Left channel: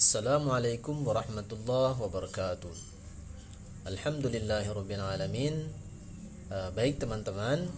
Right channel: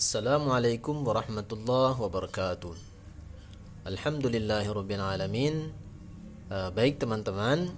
Assalamualaikum warahmatullahi wabarakatuh. Alhamdulillahirabbil alamin. Baik teman-teman,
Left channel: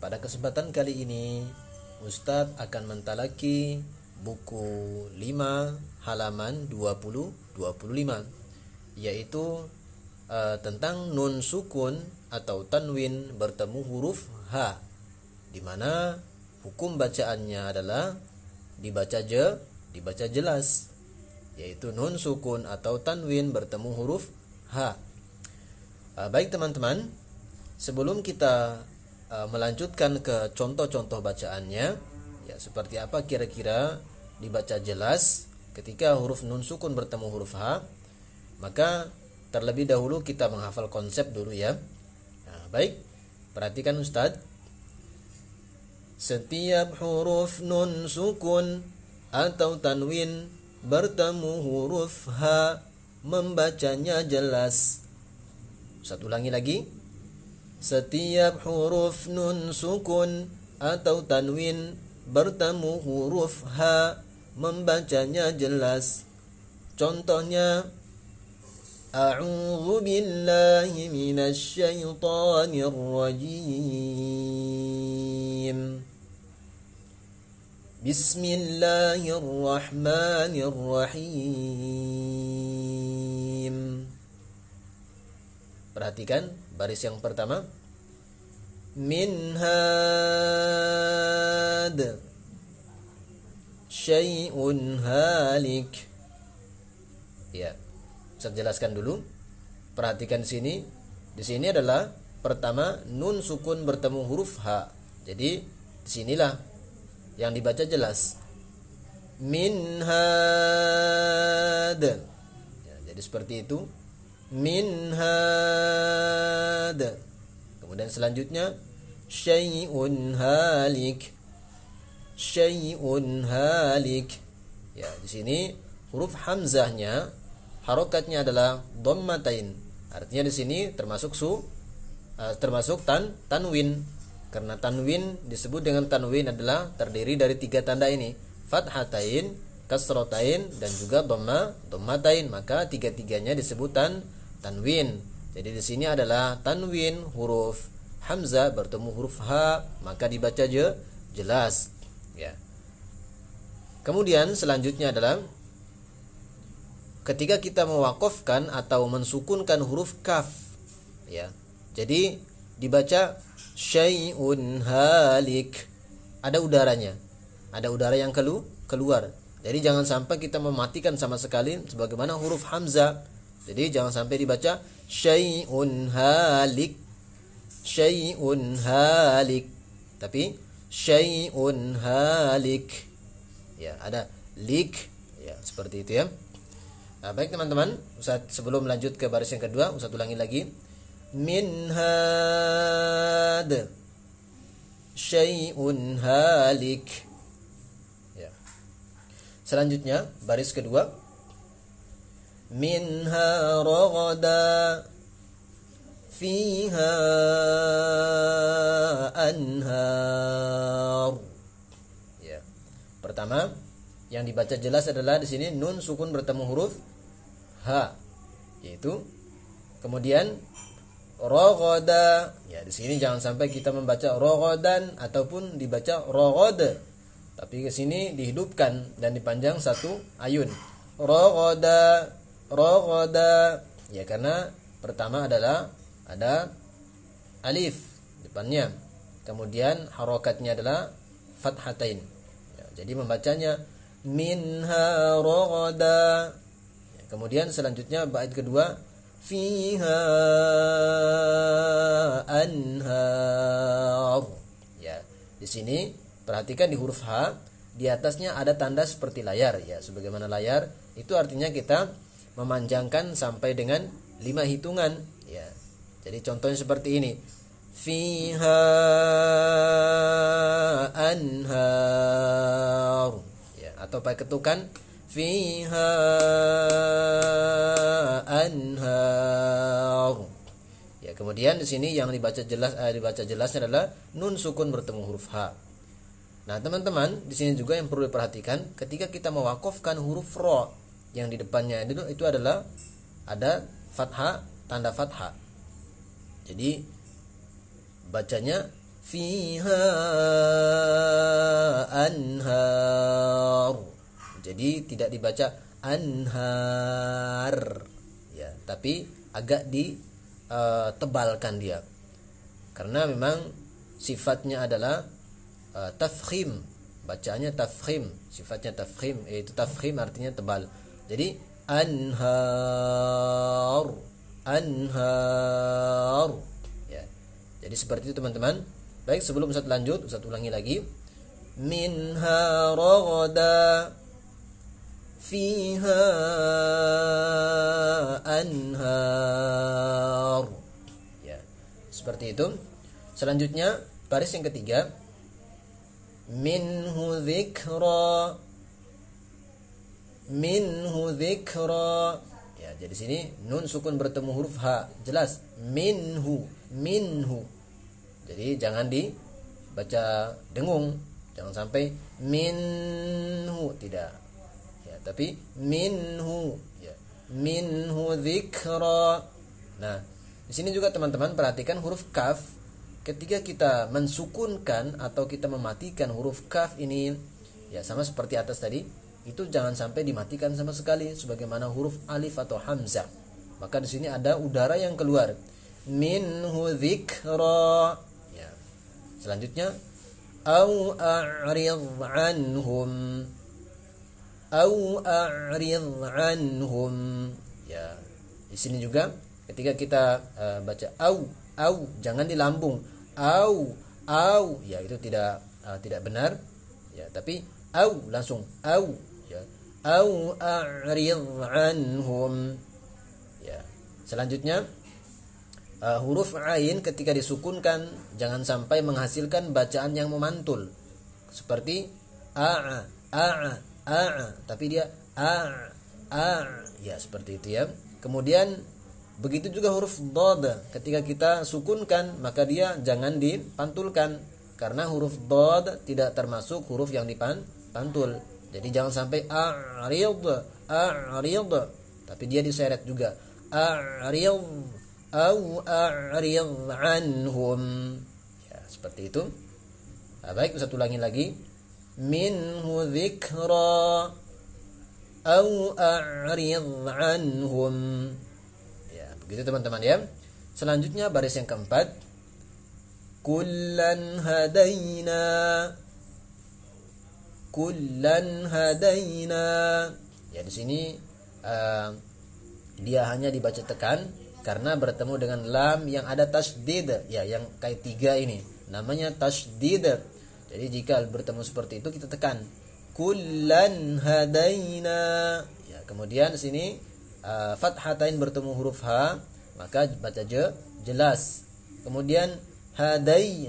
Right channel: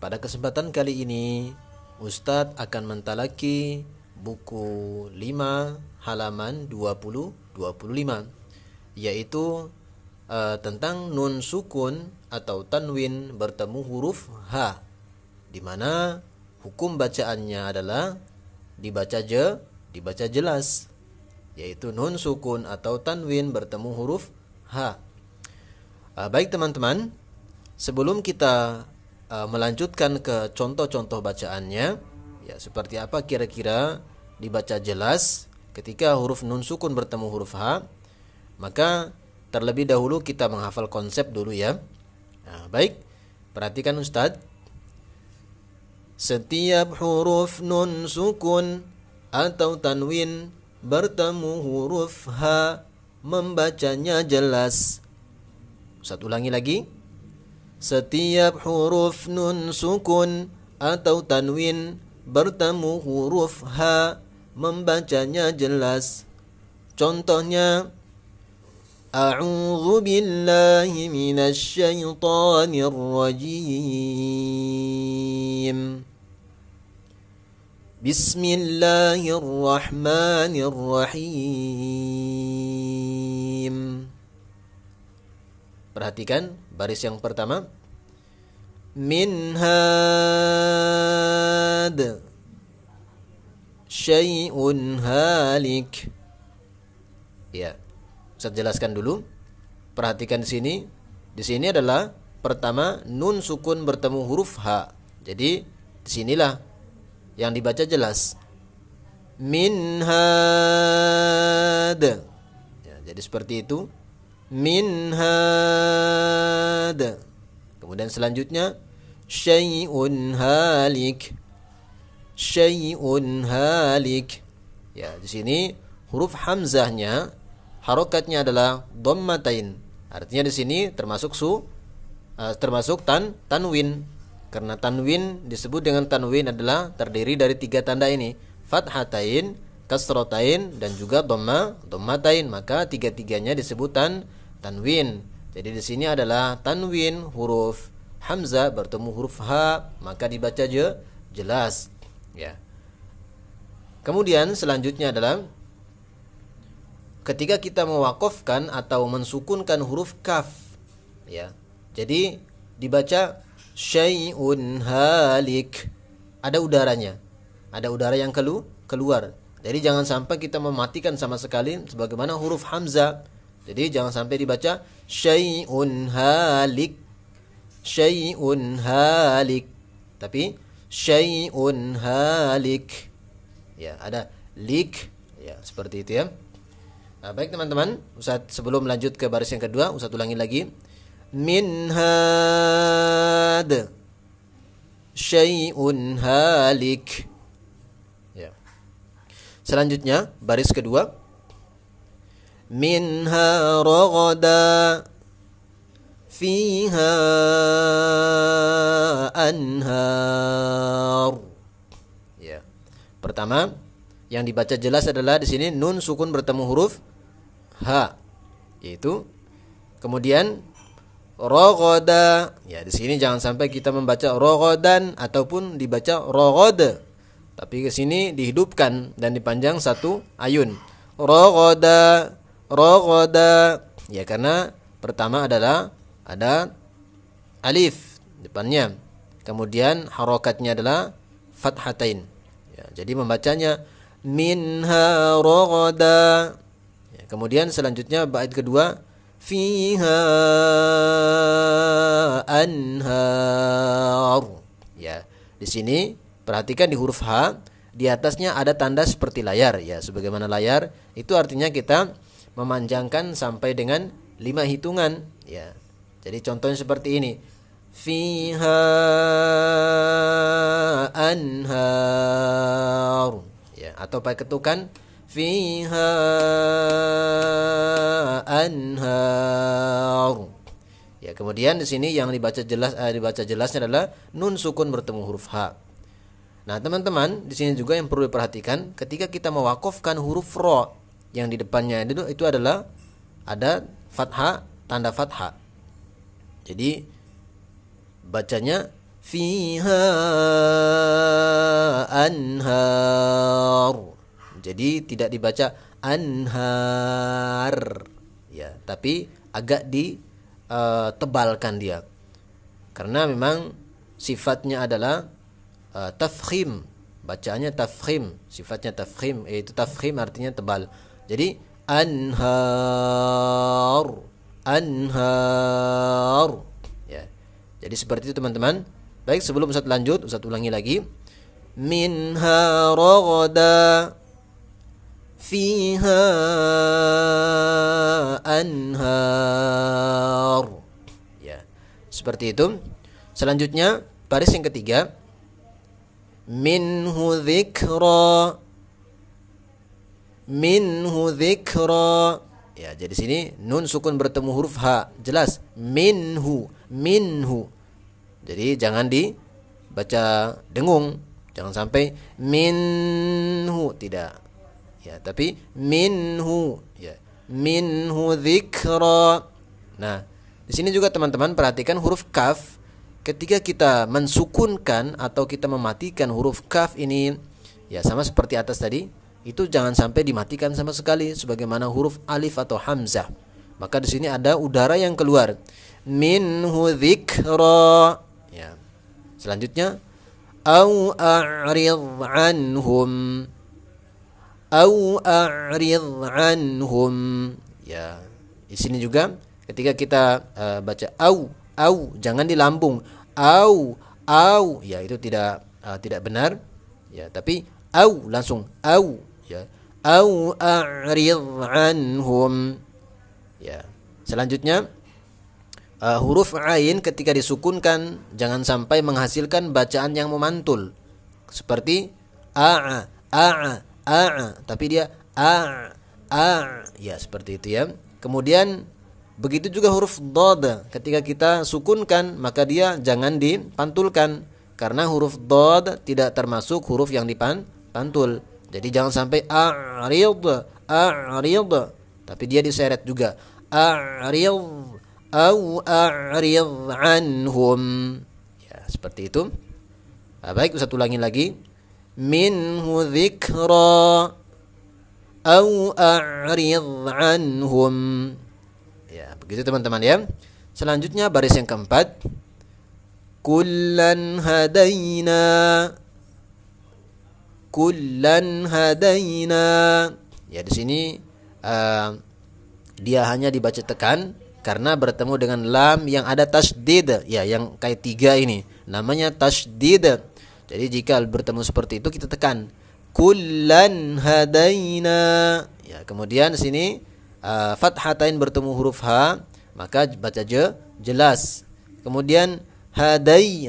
pada kesempatan kali ini Ustadz akan mentalaki buku 5 halaman 20-25, yaitu tentang nun sukun atau tanwin bertemu huruf H, di mana hukum bacaannya adalah dibaca jelas, yaitu nun sukun atau tanwin bertemu huruf H. Baik teman-teman, sebelum kita melanjutkan ke contoh-contoh bacaannya, ya seperti apa kira-kira dibaca jelas ketika huruf nun sukun bertemu huruf H, maka terlebih dahulu kita menghafal konsep dulu ya. Baik, perhatikan Ustadz. Setiap huruf nun sukun atau tanwin bertemu huruf H, membacanya jelas. Ustadz ulangi lagi. Setiap huruf nun sukun atau tanwin bertemu huruf H, membacanya jelas. Contohnya, A'udzu billahi minasy syaithanir rajim. Bismillahirrahmanirrahim. Perhatikan baris yang pertama. Min had syai'un halik. Ya, saya jelaskan dulu. Perhatikan di sini. Di sini adalah pertama nun sukun bertemu huruf H. Jadi disinilah yang dibaca jelas. Min had. Ya, jadi seperti itu. Min had. Kemudian selanjutnya syai'un halik. Syai'un halik. Ya, di sini huruf hamzahnya harokatnya adalah dhammatain. Artinya di sini termasuk tanwin. Karena tanwin disebut dengan tanwin adalah terdiri dari 3 tanda ini, fathatain, kasratain, dan juga dhammatain. Maka 3-tiganya disebut tanwin. Jadi di sini adalah tanwin huruf hamzah bertemu huruf H, maka dibaca jelas. Ya. Kemudian selanjutnya adalah ketika kita mewakofkan atau mensukunkan huruf kaf. Ya. Jadi dibaca syai'un halik. Ada udaranya. Ada udara yang keluar. Jadi jangan sampai kita mematikan sama sekali sebagaimana huruf hamzah. Jadi jangan sampai dibaca syai'un halik. Syai'un halik. Tapi syai'un halik. Ya, ada lik. Ya, seperti itu ya. Baik teman-teman, Ustaz sebelum lanjut ke baris yang kedua, Ustaz ulangi lagi. Min had syai'un halik. Ya. Selanjutnya baris kedua. Minha raghada fiha anhar. Ya. Pertama yang dibaca jelas adalah di sini nun sukun bertemu huruf H, yaitu kemudian rogoda. Ya, di sini jangan sampai kita membaca rogodan ataupun dibaca rogod. Tapi ke sini dihidupkan dan dipanjang satu ayun. Rogoda, rogoda. Ya, karena pertama adalah ada alif depannya. Kemudian harokatnya adalah fathatain. Ya, jadi membacanya minha rogoda. Ya, kemudian selanjutnya bait kedua fiha anhar. Ya, di sini perhatikan di huruf H, di atasnya ada tanda seperti layar ya, sebagaimana layar itu artinya kita memanjangkan sampai dengan 5 hitungan ya. Jadi contohnya seperti ini. Fiha anhar. Ya, atau pakai ketukan fiha anhar. Ya, kemudian di sini yang dibaca jelasnya adalah nun sukun bertemu huruf H. Nah, teman-teman, di sini juga yang perlu diperhatikan ketika kita mewakafkan huruf ro. yang di depannya itu adalah ada fathah, tanda fathah. Jadi bacanya fiha anhar. Jadi tidak dibaca anhar ya, tapi agak ditebalkan dia. Karena memang sifatnya adalah tafkhim. Bacaannya tafkhim, sifatnya tafkhim, yaitu tafkhim artinya tebal. Jadi anhar, anhar ya. Jadi seperti itu teman-teman. Baik, sebelum Ustaz lanjut, Ustaz ulangi lagi. Minha raghada fiha anhar ya. Seperti itu. Selanjutnya baris yang ketiga, minhu dzikra, minhu dzikra ya. Jadi sini nun sukun bertemu huruf ha, jelas minhu, minhu. Jadi jangan dibaca dengung, jangan sampai minhu, tidak ya, tapi minhu ya, minhu dzikra. Nah, di sini juga teman-teman perhatikan huruf kaf. Ketika kita mensukunkan atau kita mematikan huruf kaf ini ya, sama seperti atas tadi, itu jangan sampai dimatikan sama sekali sebagaimana huruf alif atau hamzah. Maka di sini ada udara yang keluar. Minhu dzikra ya. Selanjutnya au a'rid anhum, au a'rid anhum ya. Di sini juga ketika kita baca au jangan dilambung au ya, itu tidak benar ya, tapi au langsung au ya, au a'rid anhum ya. Selanjutnya huruf ain ketika disukunkan jangan sampai menghasilkan bacaan yang memantul seperti a, tapi dia a ya, seperti itu ya. Kemudian begitu juga huruf dad, ketika kita sukunkan maka dia jangan dipantulkan karena huruf dad tidak termasuk huruf yang dipantul. Jadi jangan sampai a'rid, tapi dia diseret juga a'rid au a'rid anhum ya, seperti itu. Nah, baik, Ustaz ulangi lagi. Minhu dzikra au a'rid anhum. Begitu teman-teman ya. Selanjutnya baris yang keempat, kullan hadaina, kullan hadaina ya. Di sini dia hanya dibaca tekan karena bertemu dengan lam yang ada tasydid ya, yang kayak tiga ini namanya tasydid. Jadi jika bertemu seperti itu kita tekan kullan hadaina ya. Kemudian di sini fathatain bertemu huruf ha, maka baca jelas. Kemudian hadai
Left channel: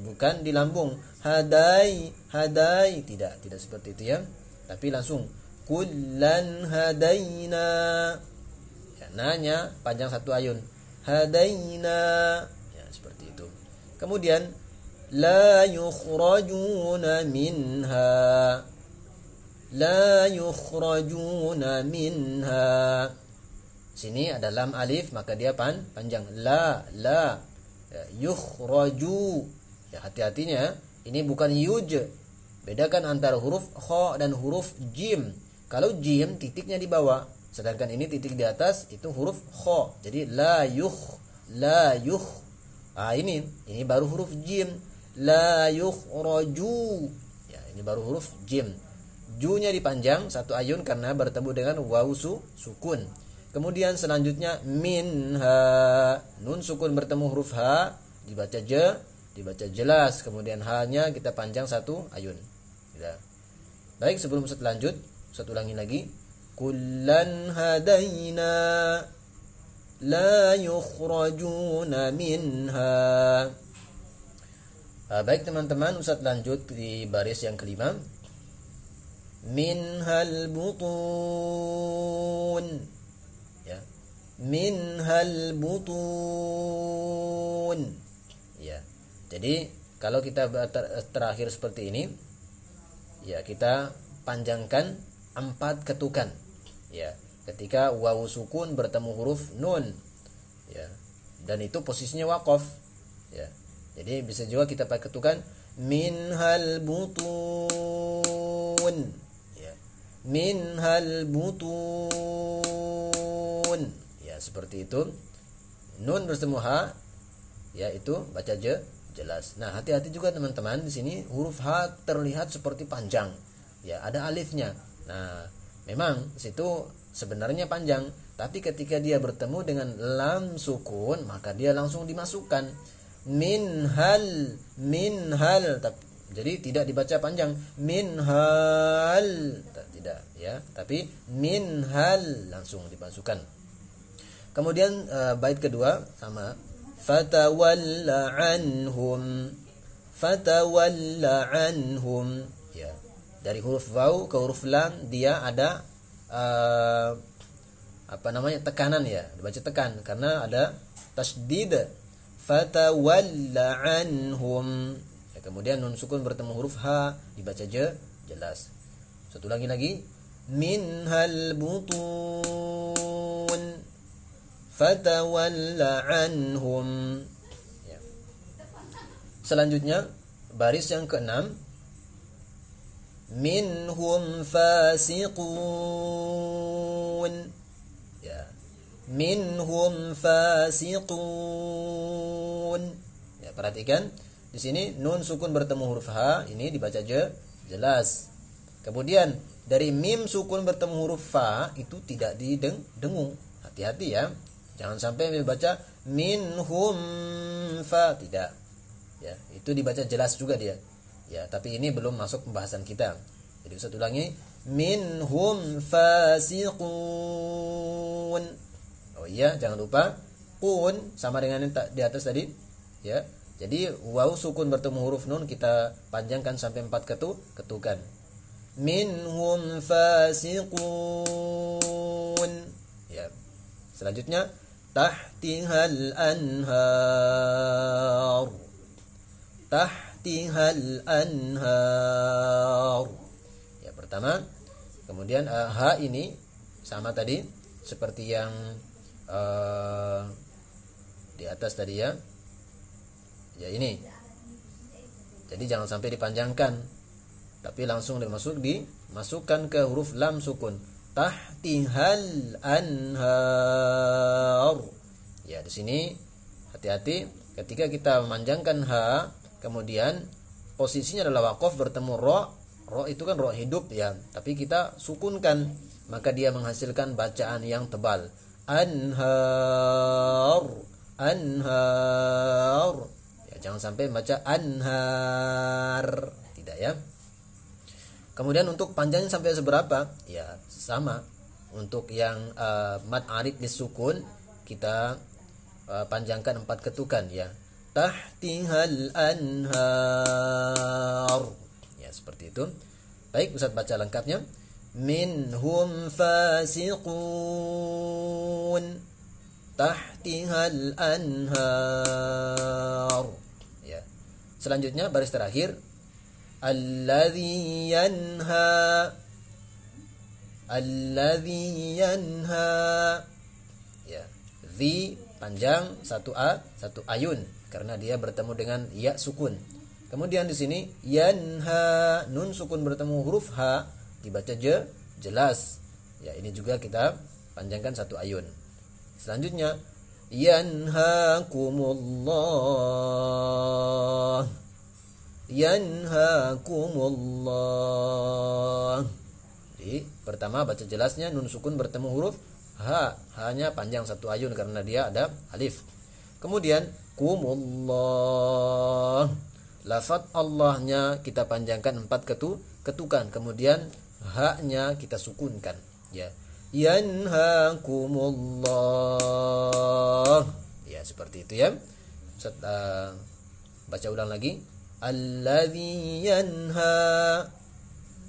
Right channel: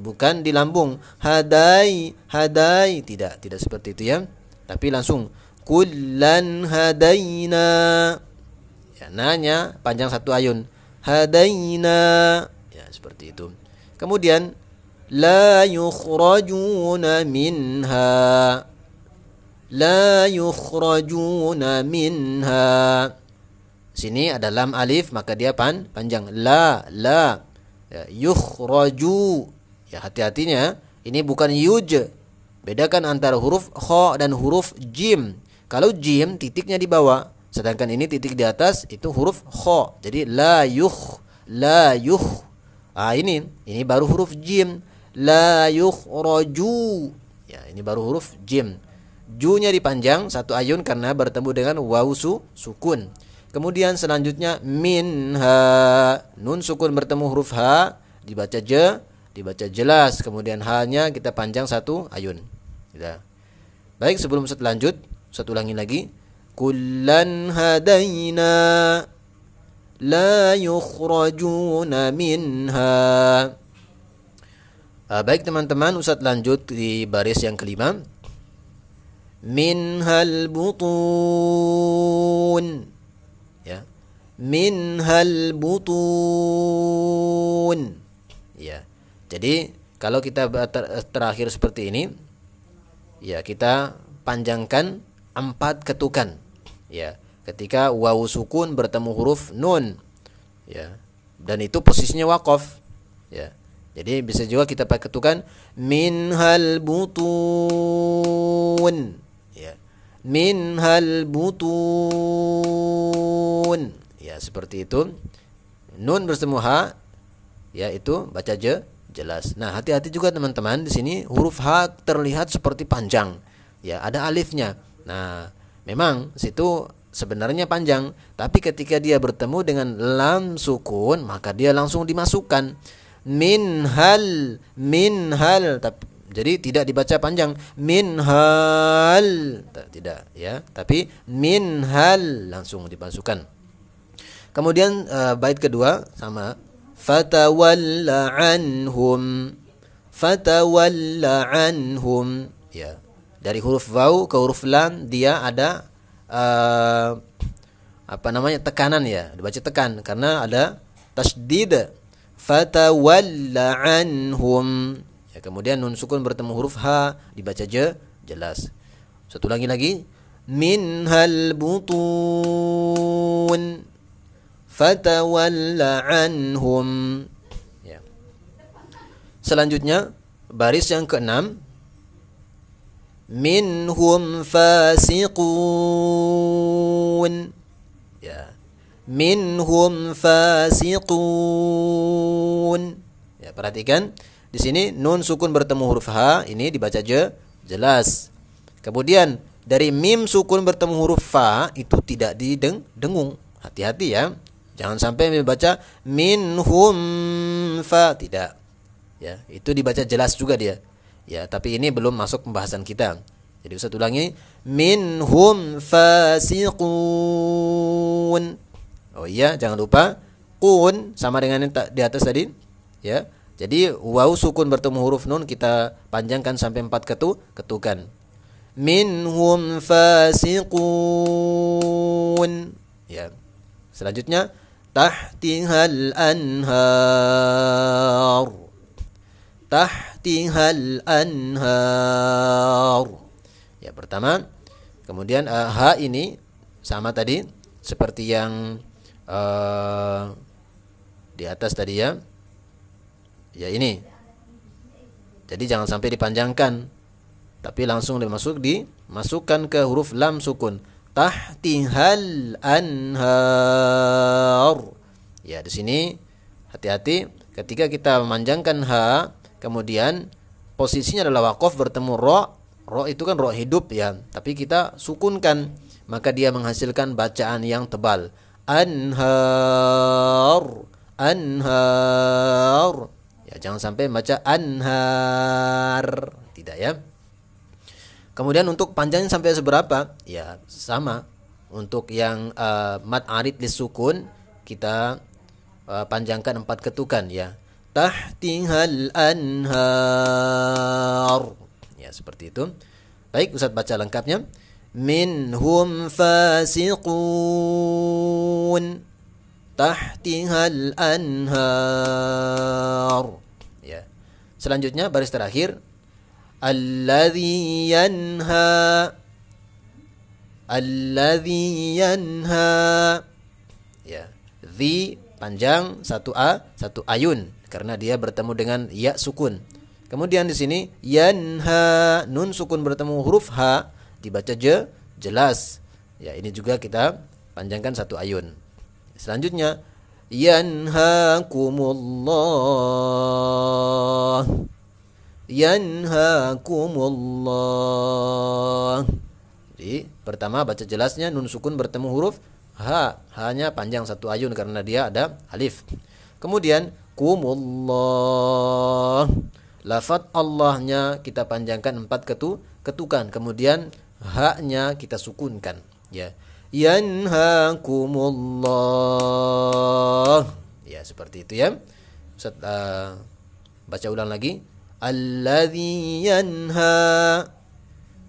bukan dilambung hadai, tidak seperti itu ya, tapi langsung kullan hadaina ya, nanya panjang satu ayun hadaina ya, seperti itu. Kemudian la yukhrajuna minha, la yukhrajuna minha. Sini ada lam alif maka dia panjang la ya, yukhraju ya, hati-hatinya ini bukan yuj. Bedakan antara huruf kha dan huruf jim. Kalau jim titiknya di bawah, sedangkan ini titik di atas, itu huruf kha. Jadi la yukh. Ini baru huruf jim. La yukhraju ya, ini baru huruf jim. Ju-nya dipanjang satu ayun karena bertemu dengan waw sukun. Kemudian selanjutnya minha, nun sukun bertemu huruf ha, dibaca jelas. Kemudian ha-nya kita panjang satu ayun. Ya. Baik, sebelum Ustaz lanjut, Ustaz ulangi lagi. Kullan hadaina la yukhrajuna minha. Baik teman-teman, Ustaz lanjut di baris yang kelima. Minhal butun ya, minhal butun ya. Jadi kalau kita terakhir seperti ini ya, kita panjangkan 4 ketukan Ya, ketika wawu sukun bertemu huruf nun, ya, dan itu posisinya waqaf, ya. Jadi bisa juga kita pakai ketukan minhal butun, ya, minhal butun, ya, seperti itu. Nun bertemu ha, ya, itu baca jelas. Nah, hati-hati juga teman-teman, di sini huruf ha terlihat seperti panjang, ya, ada alifnya. Nah, memang situ sebenarnya panjang, tapi ketika dia bertemu dengan lam sukun maka dia langsung dimasukkan minhal, jadi tidak dibaca panjang minhal, tidak, ya, tapi minhal langsung dimasukkan. Kemudian bait kedua sama, fatawalla anhum, ya. Dari huruf waw ke huruf lam dia ada tekanan, ya, dibaca tekan karena ada tasdid. Fatawalla anhum, ya, kemudian nun sukun bertemu huruf ha dibaca jelas. Satu lagi minhal butun, fatawalla anhum, ya. Selanjutnya baris yang keenam, minhum fasiqun, ya, minhum fasiqun, ya. Perhatikan di sini nun sukun bertemu huruf ha, ini dibaca jelas. Kemudian dari mim sukun bertemu huruf fa itu tidak didengung. Hati-hati, ya, jangan sampai membaca minhum fa, tidak, ya, itu dibaca jelas juga dia. Ya, tapi ini belum masuk pembahasan kita. Jadi Ustaz ulangi, minhum fasiqun. Oh iya, jangan lupa kun sama dengan yang di atas tadi, ya. Jadi waw sukun bertemu huruf nun kita panjangkan sampai 4 ketukan. Minhum fasiqun, ya. Selanjutnya tahtihal anhar, tahtihal anhar, ya, pertama. Kemudian ha ini sama tadi seperti yang di atas tadi, ya, ya, ini. Jadi jangan sampai dipanjangkan, tapi langsung dimasukkan ke huruf lam sukun, tahtihal anhar, ya. Di sini hati-hati ketika kita memanjangkan ha, kemudian posisinya adalah waqaf bertemu ro itu kan ro hidup, ya, tapi kita sukunkan, maka dia menghasilkan bacaan yang tebal, anhar, ya, jangan sampai baca anhar, tidak, ya. Kemudian untuk panjangnya sampai seberapa? Ya, sama. Untuk yang mad arid lis sukun kita panjangkan 4 ketukan, ya. Tahtihal anhar, ya, seperti itu. Baik, Ustaz baca lengkapnya. Minhum fasiqun, tahtihal anhar, ya. Selanjutnya baris terakhir, alladzi yanha, ya. Zi panjang, satu ayun karena dia bertemu dengan ya sukun. Kemudian di sini yanha, nun sukun bertemu huruf ha dibaca jelas, ya, ini juga kita panjangkan 1 ayun. Selanjutnya yanhakumullah, yanhakumullah. Jadi pertama baca jelasnya, nun sukun bertemu huruf ha, hanya panjang 1 ayun karena dia ada alif. Kemudian kumullah, lafaz Allahnya kita panjangkan 4 ketukan, kemudian ha-nya kita sukunkan, ya. Yanhakumullah, ya, seperti itu, ya. Ustaz baca ulang lagi, alladzi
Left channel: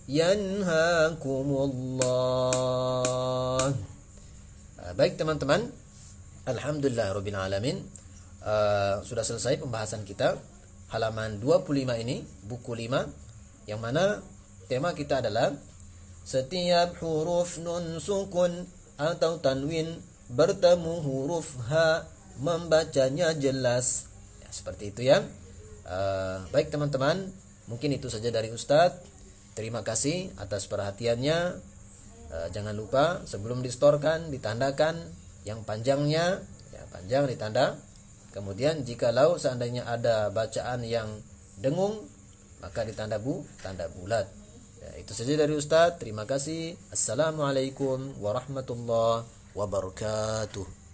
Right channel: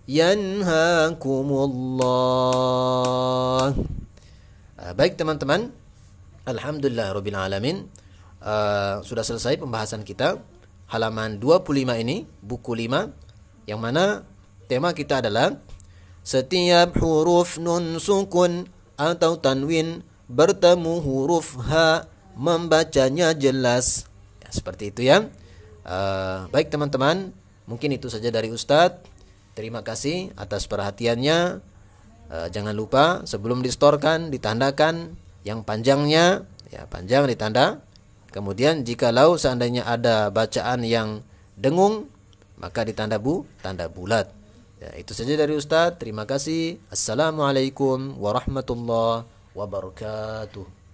yanhakumullah. Baik teman-teman, alhamdulillah rabbil alamin, sudah selesai pembahasan kita halaman 25 ini, buku 5, yang mana tema kita adalah Setiap huruf nun sukun atau tanwin bertemu huruf H, membacanya jelas. Ya, seperti itu ya. Baik teman-teman, mungkin itu saja dari Ustadz. Terima kasih atas perhatiannya. Jangan lupa sebelum distorkan ditandakan yang panjangnya, ya panjang ditanda. Kemudian jikalau seandainya ada bacaan yang dengung, maka ditanda tanda bulat. Ya, itu saja dari Ustadz. Terima kasih. Assalamualaikum warahmatullahi wabarakatuh.